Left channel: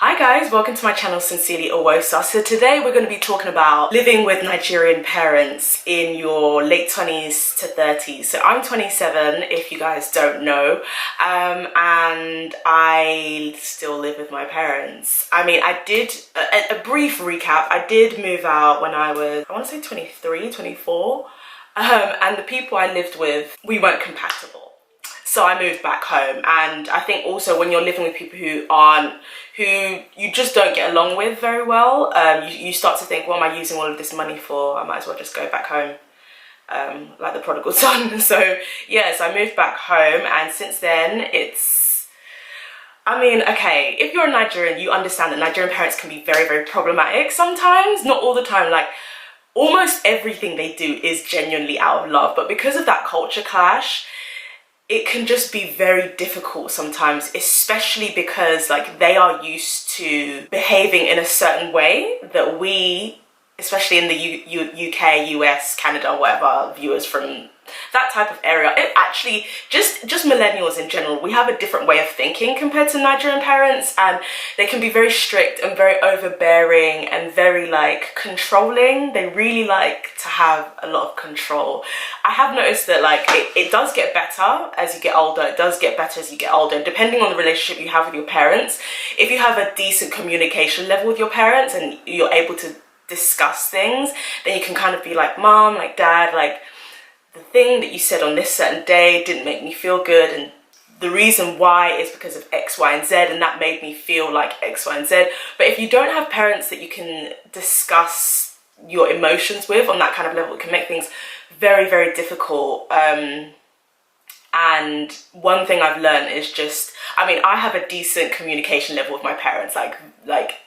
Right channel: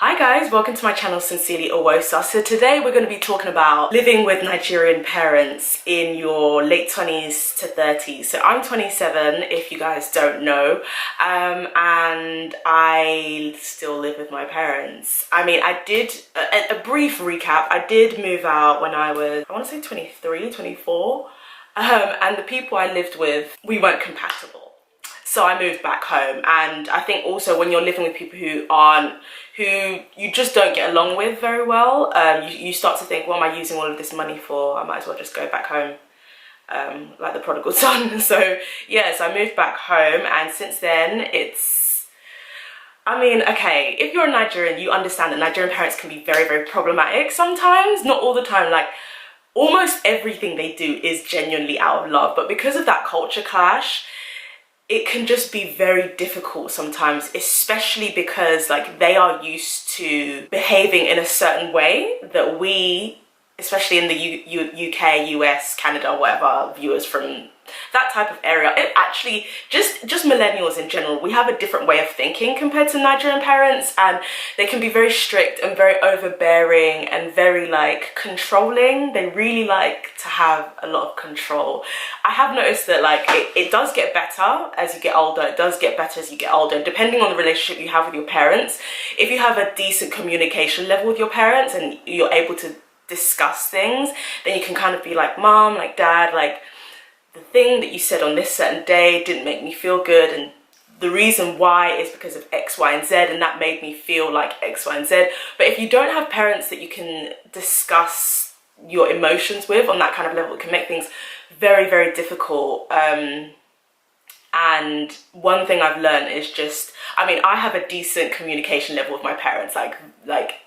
Hi guys, welcome to my channel SincerelyOghosa. So today we're going to be talking about living with Nigerian parents in your late 20s to 30s. So I'm 27 if you guys don't know, and I still live with my parents. I mean, I did, a brief recap, I did move out when I was, I want to say 23, 24, and the people I lived with, we weren't compatible. So I moved back home, and I think also when you're living with people who you just don't get along with very well, you start to think, what am I using all of this money for? I might as well just go back home, like the prodigal son. So yes, I moved back home, and since then I mean, okay, if you're a Nigerian, you understand that Nigerian parents can be very, very problematic sometimes, not all the time. Like, almost everything they do is genuinely out of love, but because of that culture clash, it can just be very difficult sometimes, especially because like they are used to behaving in a certain way that we, especially in the UK, US, Canada, whatever, viewers from that type of area, it actually, just millennials in general, we have a different way of thinking compared to Nigerian parents, and they can be very strict and very overbearing and very like controlling. They really like to have a lot of control. I have noticed that like it does get better as you get older. It does get better as you get older, depending on the relationship you have with your parents. If you have a decent communication level with your parents and you're able to discuss things, then you can kind of be like, Mom, like Dad, like the thing that you said on this certain day didn't make me feel good, and the reason why is because of X, Y, and Z, and that made me feel like X, Y, and Z. But if you don't have parents that you can discuss your emotions with on that kind of level, it can make things very, very difficult. And one thing I've learned is just, I mean, I have a decent communication level with my parents, like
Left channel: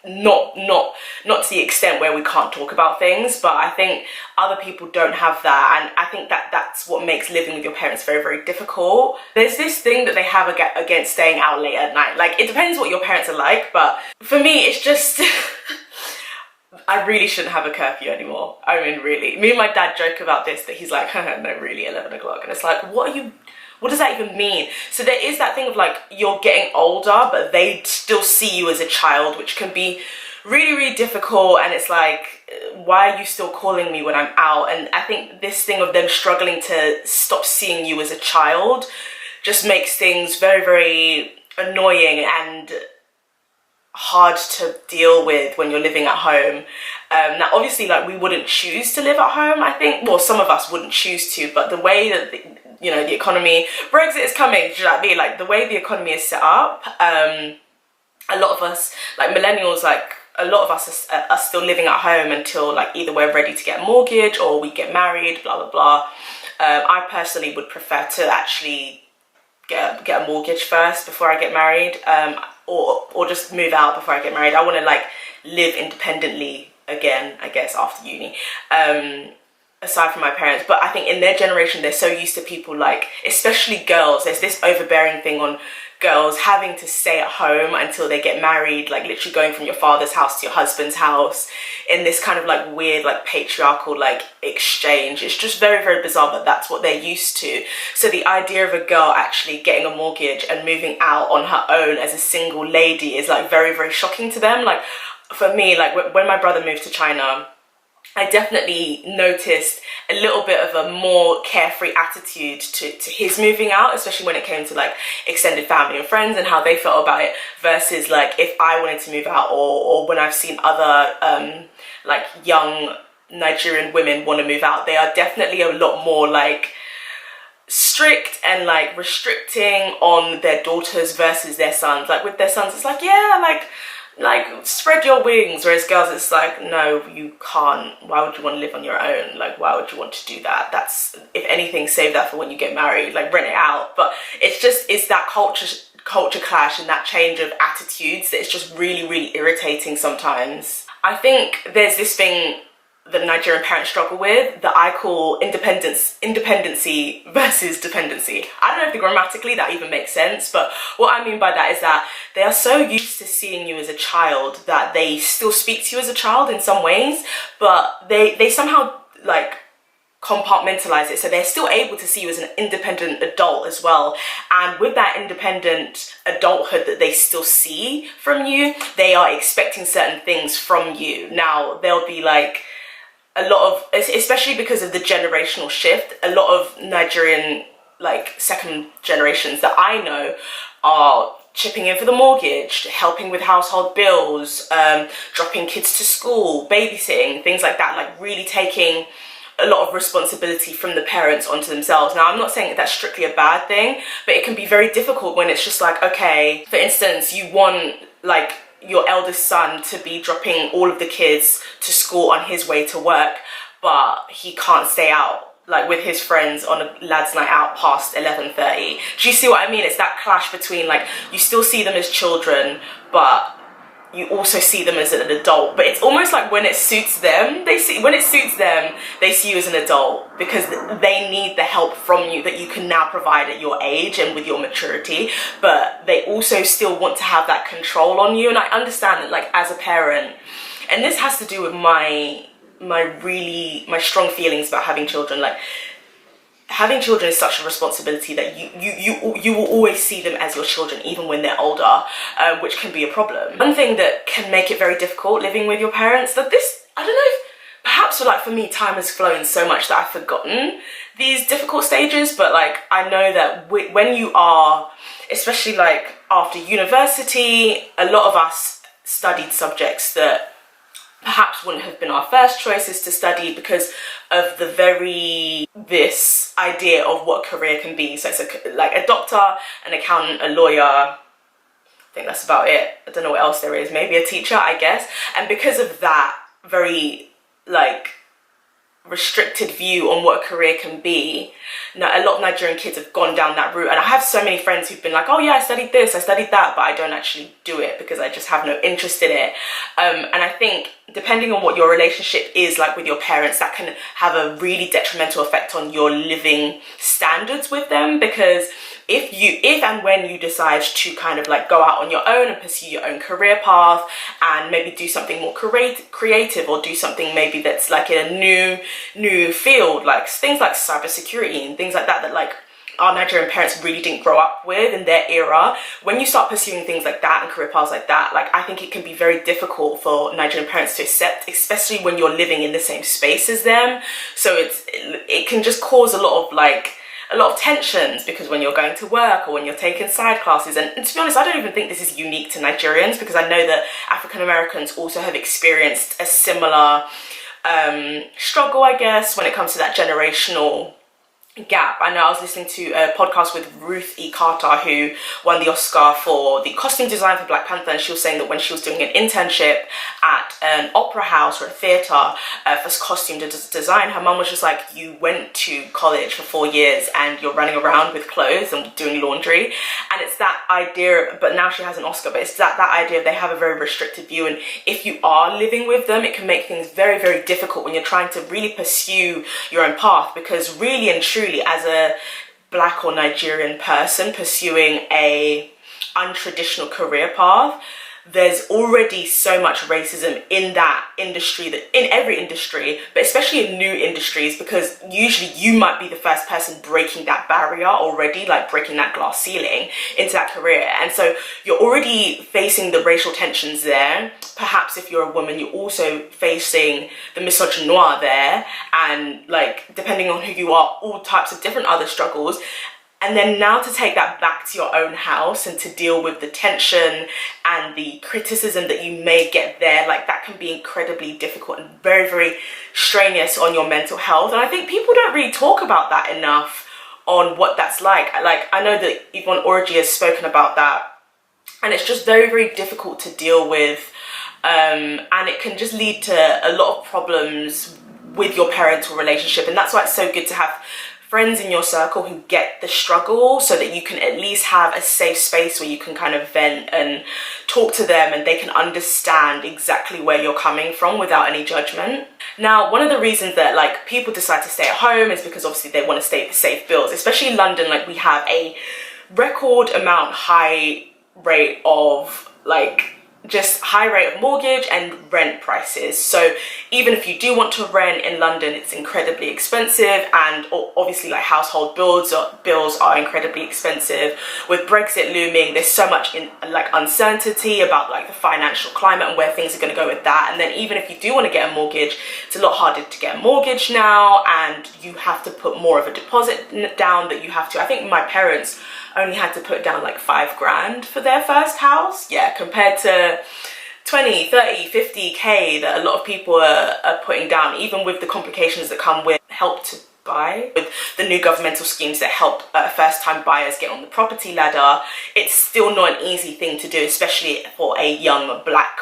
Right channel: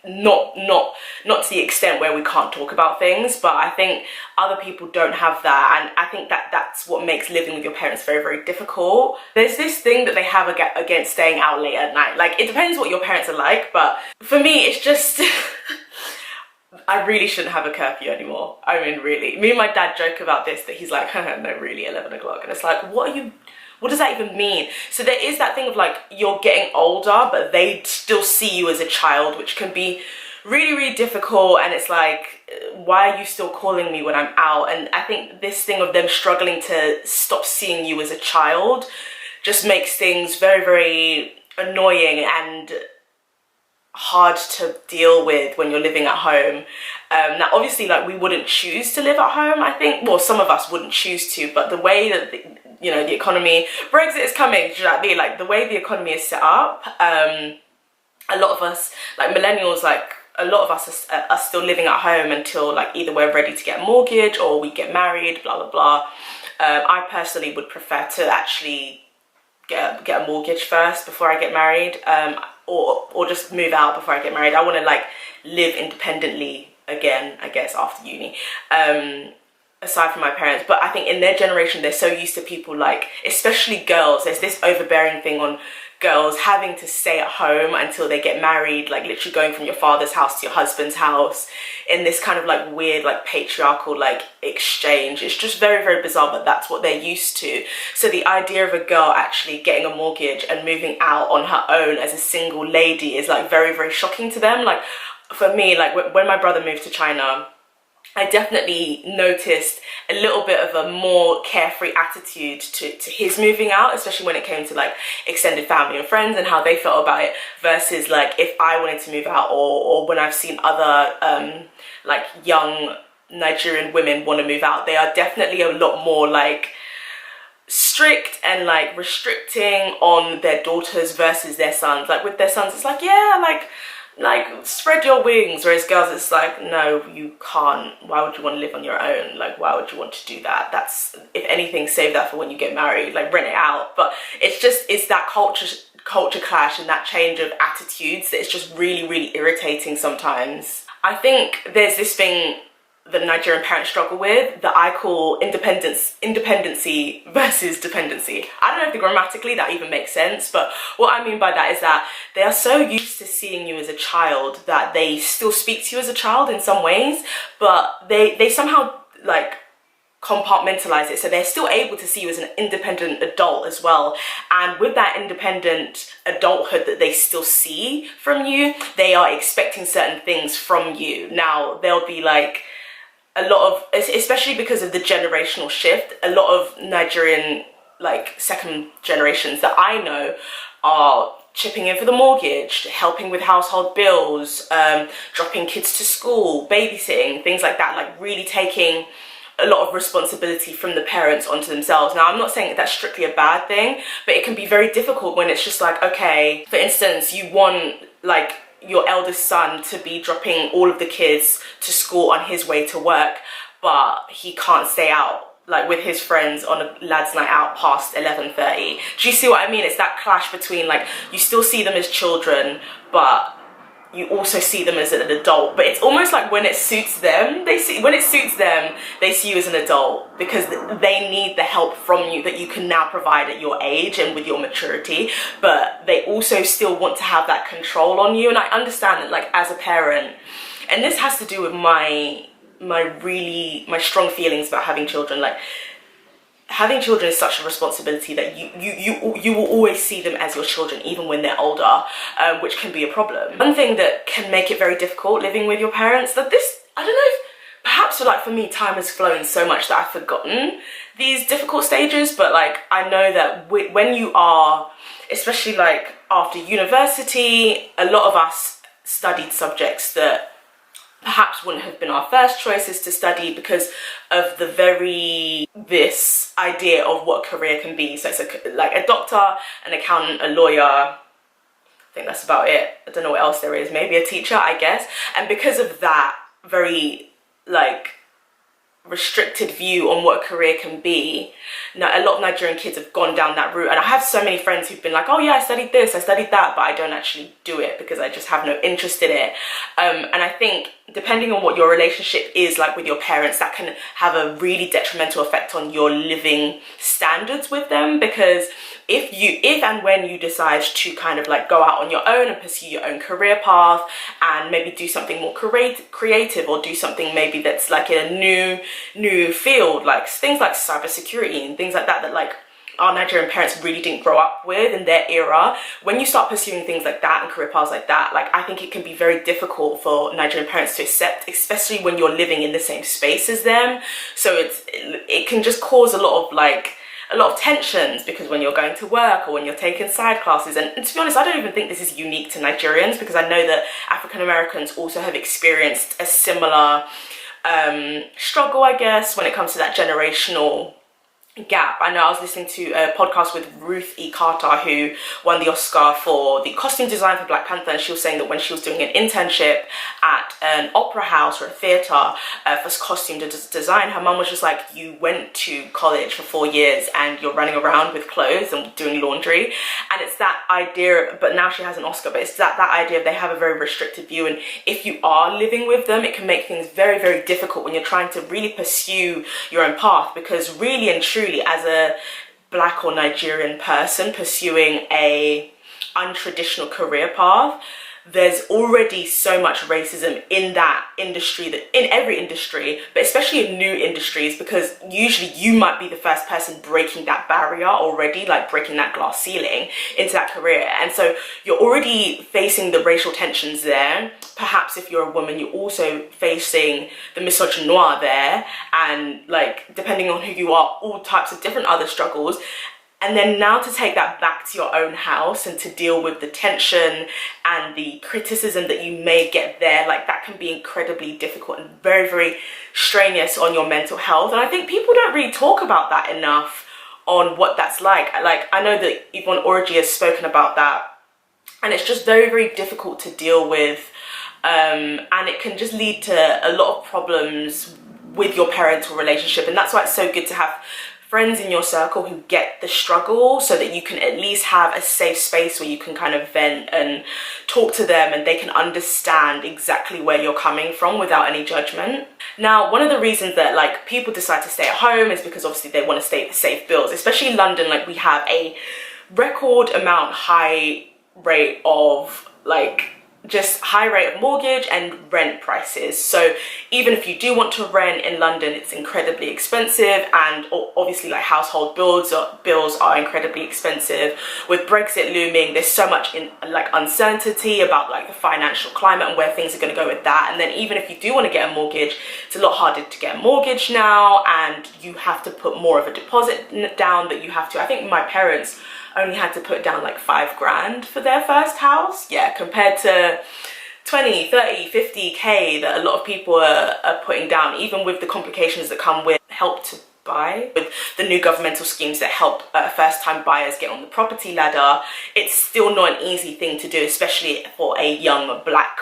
not to the extent where we can't talk about things, but I think other people don't have that, and I think that's what makes living with your parents very, very difficult. There's this thing that they have against staying out late at night. Like, it depends what your parents are like, but for me, it's just I really shouldn't have a curfew anymore. I mean, really. Me and my dad joke about this, that he's like, no, really, 11 o'clock. And it's like, what does that even mean? So there is that thing of like, you're getting older, but they still see you as a child, which can be really, really difficult. And it's like, why are you still calling me when I'm out? And I think this thing of them struggling to stop seeing you as a child just makes things very, very annoying and hard to deal with when you're living at home. Now obviously, like, we wouldn't choose to live at home, I think. Well, some of us wouldn't choose to, but the way that the economy, Brexit is coming, do you know what I mean? Like, the way the economy is set up, a lot of us, like millennials, like a lot of us are still living at home until like either we're ready to get a mortgage or we get married, blah blah blah. I personally would prefer to actually get a mortgage first before I get married, or just move out before I get married. I want to like live independently again, I guess, after uni, aside from my parents. But I think in their generation, they're so used to people, like, especially girls, there's this overbearing thing on girls having to stay at home until they get married, like literally going from your father's house to your husband's house in this kind of like weird, like patriarchal like exchange. It's just very, very bizarre, but that's what they're used to. So the idea of a girl actually getting a mortgage and moving out on her own as a single lady is like very, very shocking to them. Like, for me, like when my brother moved to China, I definitely noticed a little bit of a more carefree attitude to his moving out, especially when it came to like extended family and friends and how they felt about it, versus like if I wanted to move out, or when I've seen other like young Nigerian women want to move out, they are definitely a lot more like strict and like restricting on their daughters versus their sons. Like with their sons, it's like, yeah, like spread your wings, whereas girls, it's like, no, you can't. Why would you want to live on your own? Like, why would you want to do that? That's, if anything, save that for when you get married, like rent it out. But it's that culture clash and that change of attitudes that is just really, really irritating sometimes. I think there's this thing that Nigerian parents struggle with that I call independency versus dependency. I don't know if grammatically that even makes sense, but what I mean by that is that they are so used to seeing you as a child that they still speak to you as a child in some ways, but they somehow like compartmentalize it, so they're still able to see you as an independent adult as well. And with that independent adulthood that they still see from you, they are expecting certain things from you. Now, there'll be like a lot of, especially because of the generational shift, a lot of Nigerian like second generations that I know are chipping in for the mortgage, helping with household bills, dropping kids to school, babysitting, things like that, like really taking a lot of responsibility from the parents onto themselves. Now, I'm not saying that that's strictly a bad thing, but it can be very difficult when it's just like, okay, for instance, you want like your eldest son to be dropping all of the kids to school on his way to work, but he can't stay out like with his friends on a lads night out past 11:30. Do you see what I mean? It's that clash between like, you still see them as children, but you also see them as an adult. But it's almost like when it suits them, they see you as an adult, because they need the help from you that you can now provide at your age and with your maturity, but they also still want to have that control on you. And I understand that, like, as a parent, and this has to do with my strong feelings about having children. Like, having children is such a responsibility that you will always see them as your children even when they're older, which can be a problem. One thing that can make it very difficult living with your parents, that this, I don't know if perhaps for me, time has flown so much that I've forgotten these difficult stages, but like, I know that when you are, especially like after university, a lot of us studied subjects that perhaps wouldn't have been our first choices to study because of this idea of what career can be. So it's like a doctor, an accountant, a lawyer. I think that's about it. I don't know what else there is. Maybe a teacher, I guess. And because of that very like restricted view on what a career can be, now a lot of Nigerian kids have gone down that route. And I have so many friends who've been like, oh yeah, I studied this, I studied that, but I don't actually do it because I just have no interest in it. And I think depending on what your relationship is like with your parents, that can have a really detrimental effect on your living standards with them, because if and when you decide to kind of like go out on your own and pursue your own career path and maybe do something more creative, or do something maybe that's like in a new field, like things like cybersecurity and things like that, that like our Nigerian parents really didn't grow up with in their era, when you start pursuing things like that and career paths like that, like I think it can be very difficult for Nigerian parents to accept, especially when you're living in the same space as them. So it can just cause a lot of tensions, because when you're going to work or when you're taking side classes, and to be honest, I don't even think this is unique to Nigerians, because I know that African Americans also have experienced a similar struggle, I guess, when it comes to that generational gap. I know I was listening to a podcast with Ruth E. Carter, who won the Oscar for the costume design for Black Panther, and she was saying that when she was doing an internship at an opera house or a theatre for costume design, her mum was just like, you went to college for 4 years and you're running around with clothes and doing laundry. And it's that idea, but now she has an Oscar, but it's that idea of they have a very restricted view, and if you are living with them, it can make things very, very difficult when you're trying to really pursue your own path, because really and truly, as a Black or Nigerian person pursuing a untraditional career path, there's already so much racism in that industry, that in every industry, but especially in new industries, because usually you might be the first person breaking that barrier already, like breaking that glass ceiling into that career. And so you're already facing the racial tensions there. Perhaps if you're a woman, you're also facing the misogynoir there, and like, depending on who you are, all types of different other struggles. And then now to take that back to your own house and to deal with the tension and the criticism that you may get there, like that can be incredibly difficult and very, very strenuous on your mental health. And I think people don't really talk about that enough, on what that's like. Like, I know that Yvonne Orji has spoken about that, and it's just very, very difficult to deal with. And it can just lead to a lot of problems with your parental relationship. And that's why it's so good to have friends in your circle who get the struggle, so that you can at least have a safe space where you can kind of vent and talk to them, and they can understand exactly where you're coming from without any judgment. Now, one of the reasons that like people decide to stay at home is because obviously they want to save bills, especially in London. Like, we have a record amount high rate of like just high rate of mortgage and rent prices. So even if you do want to rent in London, it's incredibly expensive, and obviously like household bills are incredibly expensive. With Brexit looming, there's so much uncertainty about like the financial climate and where things are going to go with that. And then even if you do want to get a mortgage, it's a lot harder to get a mortgage now, and you have to put more of a deposit down that you have to. I think my parents only had to put down like 5 grand for their first house. Yeah, compared to 20, 30, 50k that a lot of people are putting down, even with the complications that come with Help to Buy, with the new governmental schemes that help first-time buyers get on the property ladder. It's still not an easy thing to do, especially for a young black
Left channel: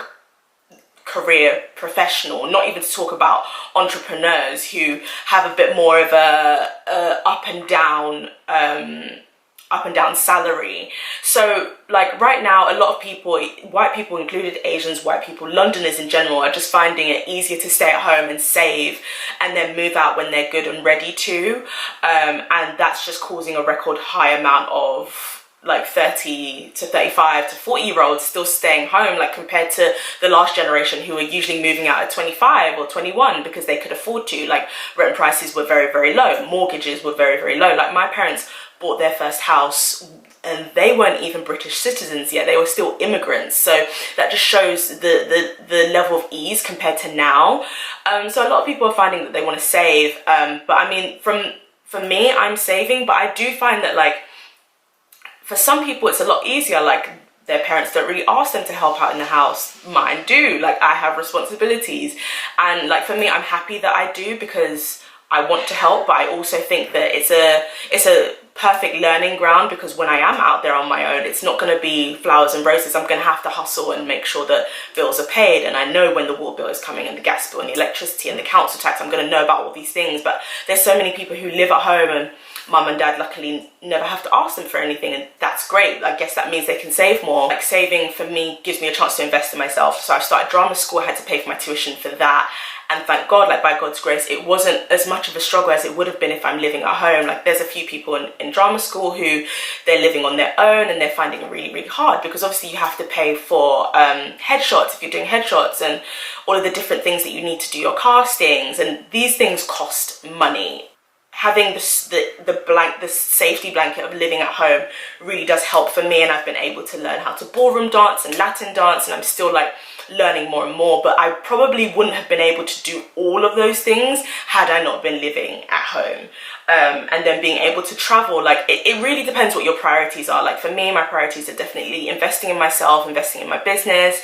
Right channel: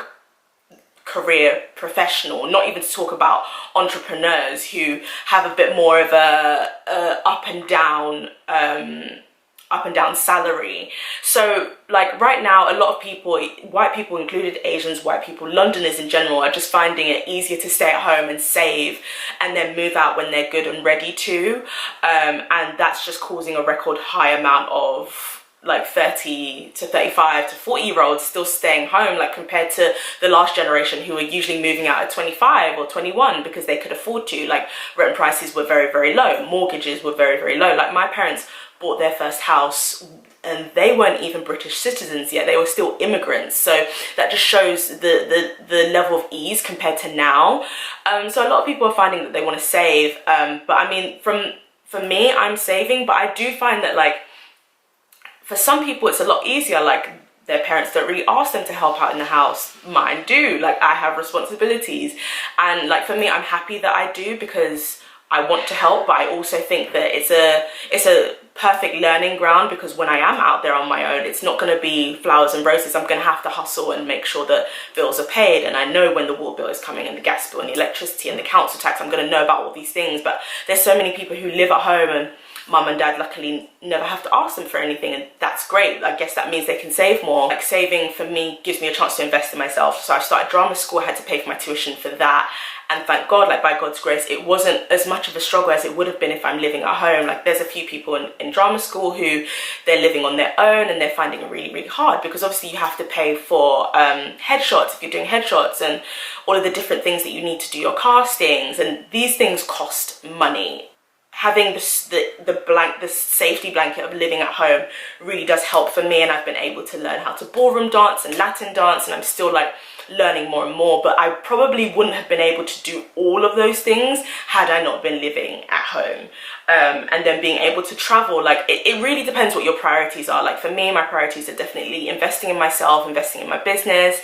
career professional, not even to talk about entrepreneurs who have a bit more of a up and down salary. So like right now, a lot of people, white people included, Asians, white people, Londoners in general, are just finding it easier to stay at home and save and then move out when they're good and ready to, and that's just causing a record high amount of like 30 to 35 to 40-year-olds still staying home, like compared to the last generation who were usually moving out at 25 or 21 because they could afford to. Like rent prices were very, very low, mortgages were very, very low. Like my parents bought their first house and they weren't even British citizens yet, they were still immigrants. So that just shows the level of ease compared to now. So a lot of people are finding that they want to save, but I mean, for me, I'm saving, but I do find that like for some people it's a lot easier. Like their parents don't really ask them to help out in the house. Mine do. Like I have responsibilities, and like for me, I'm happy that I do because I want to help, but I also think that it's a perfect learning ground, because when I am out there on my own, it's not going to be flowers and roses. I'm going to have to hustle and make sure that bills are paid, and I know when the water bill is coming and the gas bill and the electricity and the council tax. I'm going to know about all these things. But there's so many people who live at home and mum and dad luckily never have to ask them for anything, and that's great. I guess that means they can save more. Like saving for me gives me a chance to invest in myself. So I started drama school, I had to pay for my tuition for that. And thank God, like by God's grace, it wasn't as much of a struggle as it would have been if I'm living at home. Like there's a few people in drama school who they're living on their own and they're finding it really, really hard, because obviously you have to pay for headshots if you're doing headshots, and all of the different things that you need to do your castings, and these things cost money. Having the safety blanket of living at home really does help for me, and I've been able to learn how to ballroom dance and Latin dance, and I'm still like learning more and more. But I probably wouldn't have been able to do all of those things had I not been living at home. And then being able to travel, like it really depends what your priorities are. Like for me, my priorities are definitely investing in myself, investing in my business,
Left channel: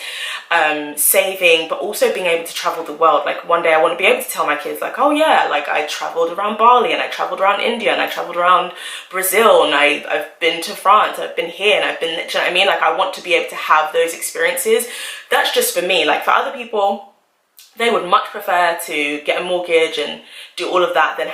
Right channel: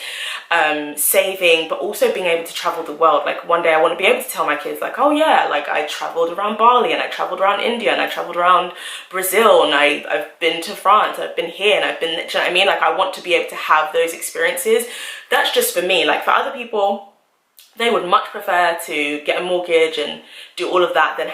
saving, but also being able to travel the world. Like one day I want to be able to tell my kids like, oh yeah, like I traveled around Bali, and I traveled around India, and I traveled around Brazil, and I've been to France, I've been here, and I've been, do you know what I mean? Like I want to be able to have those experiences. That's just for me. Like for other people, they would much prefer to get a mortgage and do all of that than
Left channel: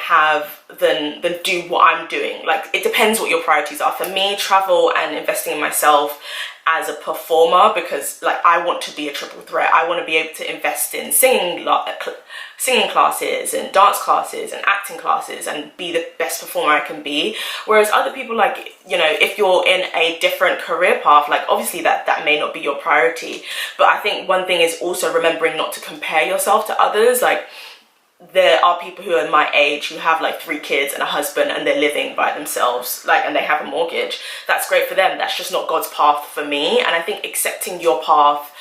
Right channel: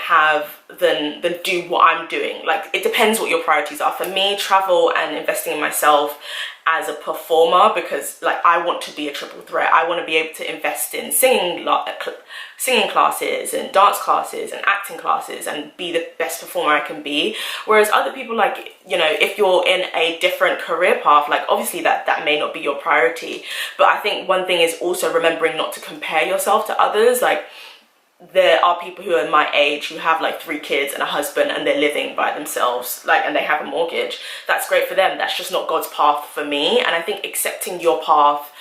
do what I'm doing. Like it depends what your priorities are. For me, travel and investing in myself as a performer, because like I want to be a triple threat. I want to be able to invest in singing classes and dance classes and acting classes and be the best performer I can be. Whereas other people, like, you know, if you're in a different career path, like obviously that may not be your priority. But I think one thing is also remembering not to compare yourself to others. Like there are people who are my age who have like 3 kids and a husband, and they're living by themselves, like, and they have a mortgage. That's great for them. That's just not God's path for me. And I think accepting your path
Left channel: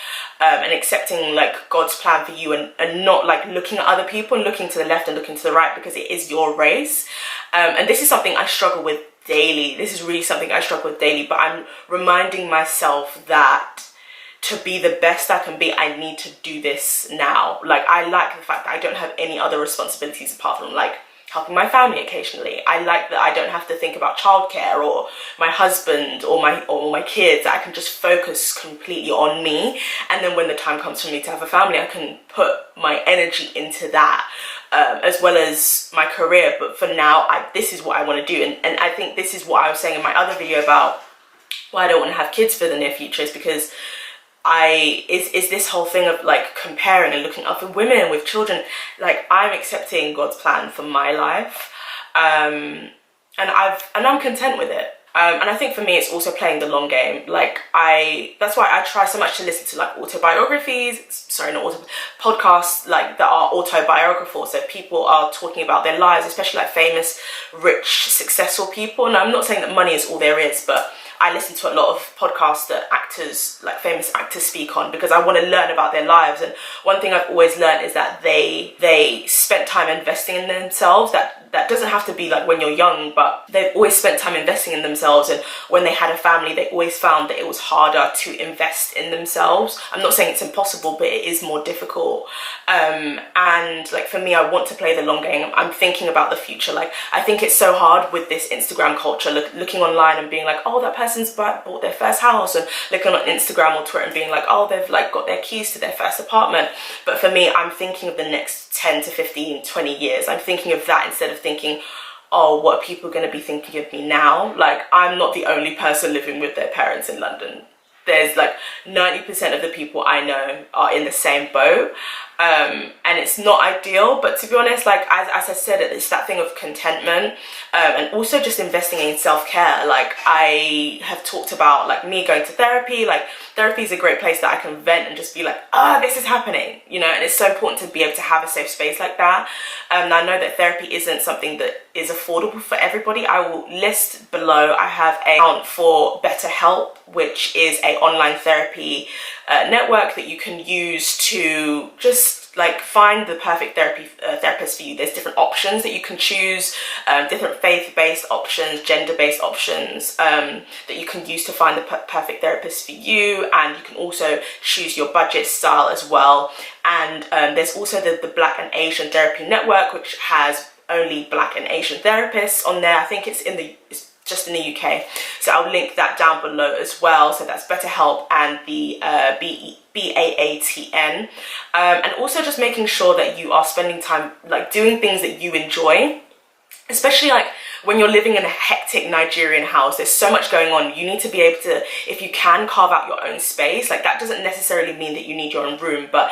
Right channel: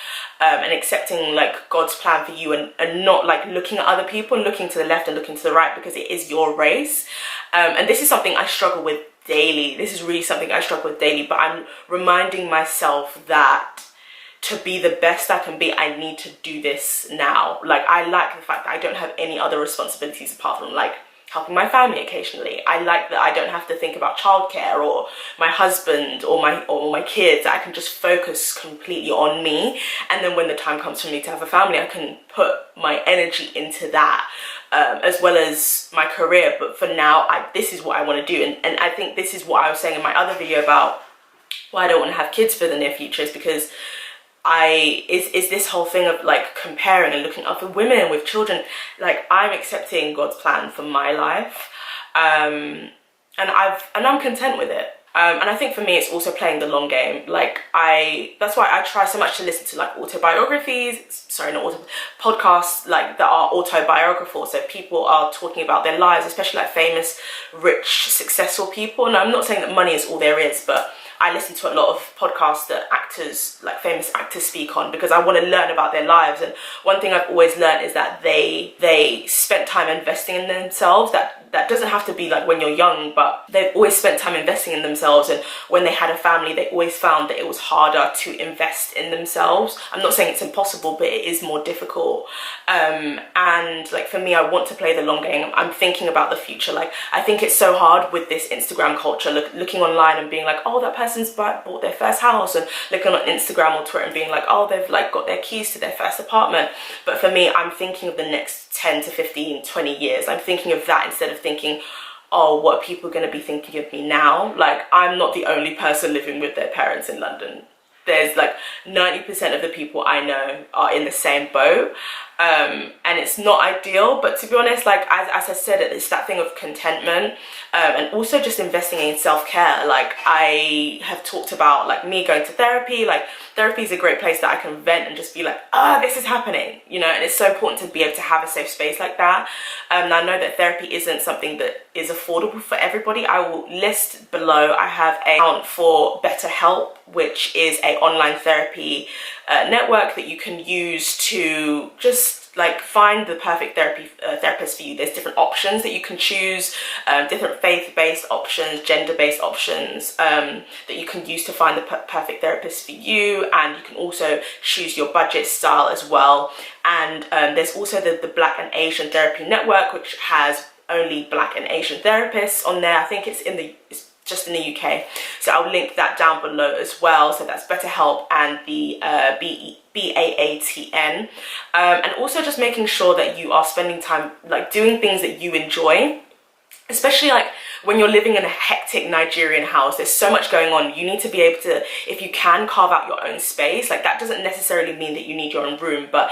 and accepting like God's plan for you, and not like looking at other people and looking to the left and looking to the right, because it is your race. And this is something I struggle with daily. This is really something I struggle with daily, but I'm reminding myself that to be the best I can be, I need to do this now. Like I like the fact that I don't have any other responsibilities apart from like helping my family occasionally. I like that I don't have to think about childcare or my husband or my kids. I can just focus completely on me, and then when the time comes for me to have a family, I can put my energy into that, as well as my career. But for now, this is what I want to do, and I think this is what I was saying in my other video about why I don't want to have kids for the near future, is because is this whole thing of like comparing and looking up for women with children. Like I'm accepting God's plan for my life, and I'm content with it. And I think for me, it's also playing the long game. Like that's why I try so much to listen to like podcasts like that are autobiographical. So people are talking about their lives, especially like famous, rich, successful people. And I'm not saying that money is all there is, but I listen to a lot of podcasts that actors, like famous actors, speak on, because I want to learn about their lives. And one thing I've always learned is that they spent time investing in themselves. That doesn't have to be like when you're young, but they've always spent time investing in themselves. And when they had a family, they always found that it was harder to invest in themselves. I'm not saying it's impossible, but it is more difficult. And like for me, I want to play the long game. I'm thinking about the future. Like I think it's so hard with this Instagram culture, looking online and being like, oh, that person's bought their first house, and looking on Instagram or Twitter and being like, oh, they've like got their keys to their first apartment. But for me, I'm thinking of the next 10 to 15, 20 years. I'm thinking of that instead of thinking, oh, what are people going to be thinking of me now? Like, I'm not the only person living with their parents in London. There's like 90% of the people I know are in the same boat. And it's not ideal, but to be honest, like as I said, it's that thing of contentment, and also just investing in self-care. Like I have talked about like me going to therapy. Like therapy is a great place that I can vent and just be like, this is happening, you know. And it's so important to be able to have a safe space like that. And I know that therapy isn't something that is affordable for everybody. I will list below, I have an account for BetterHelp, which is a online therapy network that you can use to just like find the perfect therapist for you. There's different options that you can choose, different faith-based options, gender-based options that you can use to find the perfect therapist for you. And you can also choose your budget style as well. And there's also the Black and Asian Therapy Network, which has only Black and Asian therapists on there. I think it's just in the UK. So I'll link that down below as well. So that's BetterHelp and the BAATN. And also just making sure that you are spending time like doing things that you enjoy. Especially like when you're living in a hectic Nigerian house, there's so much going on. You need to be able to, if you can, carve out your own space. Like that doesn't necessarily mean that you need your own room, but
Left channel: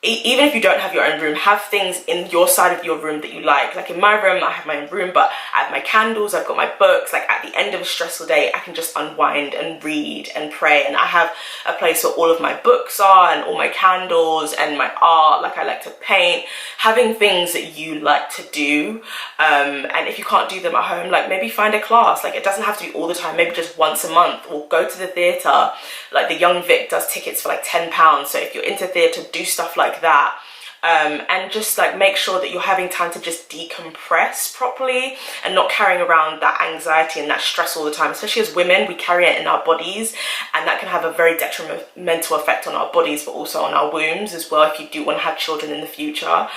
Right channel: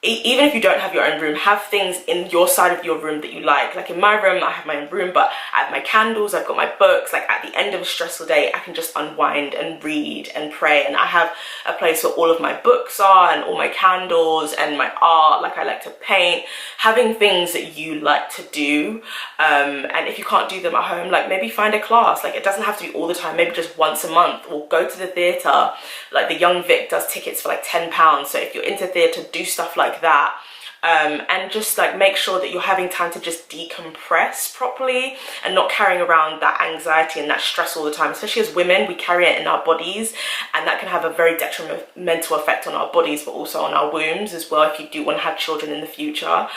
even if you don't have your own room, have things in your side of your room that you like. Like in my room, I have my own room, but I have my candles, I've got my books. Like at the end of a stressful day, I can just unwind and read and pray. And I have a place where all of my books are and all my candles and my art. Like I like to paint. Having things that you like to do. And if you can't do them at home, like maybe find a class. Like it doesn't have to be all the time, maybe just once a month, or go to the theatre. Like the Young Vic does tickets for like £10. So if you're into theatre, do stuff like that. And just like make sure that you're having time to just decompress properly and not carrying around that anxiety and that stress all the time. Especially as women, we carry it in our bodies, and that can have a very detrimental effect on our bodies, but also on our wombs as well if you do want to have children in the future.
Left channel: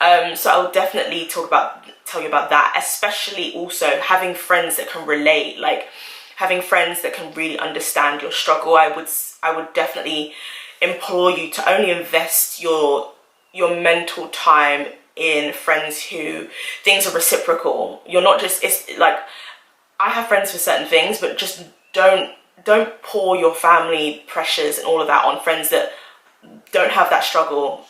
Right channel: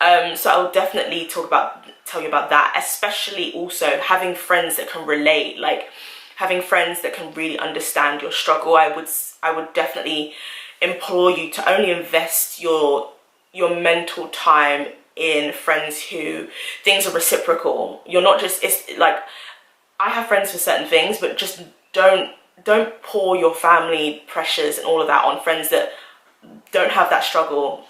So I'll definitely tell you about that, especially also having friends that can relate, like having friends that can really understand your struggle. I would definitely implore you to only invest your mental time in friends who things are reciprocal. You're not just, it's like I have friends for certain things, but just don't pour your family pressures and all of that on friends that don't have that struggle,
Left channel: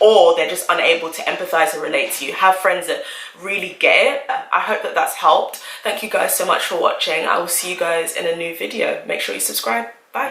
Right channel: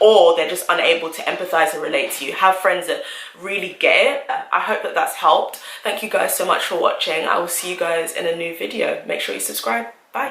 or they're just unable to empathize and relate to you. Have friends that really get it. I hope that that's helped. Thank you guys so much for watching. I will see you guys in a new video. Make sure you subscribe. Bye.